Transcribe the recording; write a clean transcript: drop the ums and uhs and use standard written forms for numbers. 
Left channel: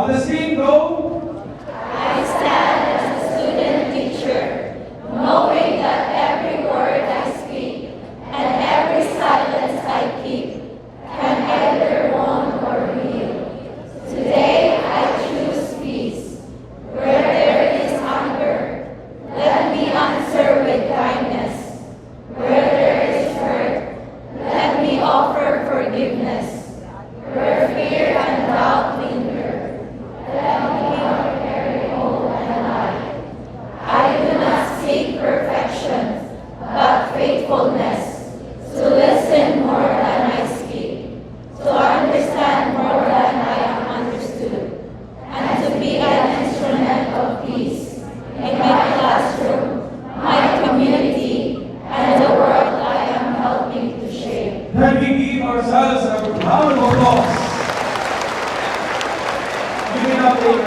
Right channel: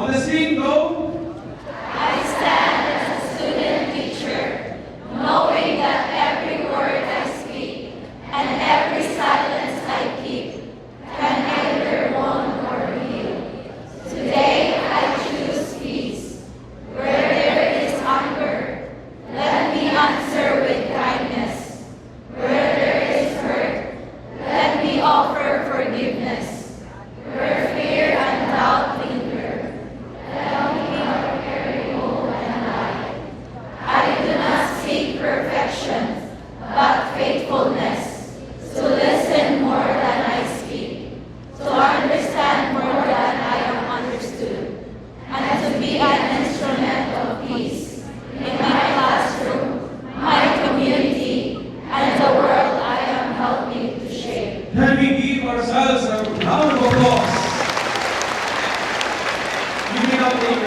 On the scene, go! I stand as a student teacher, knowing that every word I speak and every silence I keep can either wound or heal. Today I choose peace. Where there is hunger, let me answer with kindness. Where there is hurt, let me offer forgiveness. Where fear and doubt linger, let me carry hope and light. I do not seek perfection, but faithfulness, to listen more than I speak, to understand more than I am understood, and to be an instrument of peace in my classroom, my community, and the world I am helping to shape. Can we give ourselves a round of applause? Give it up.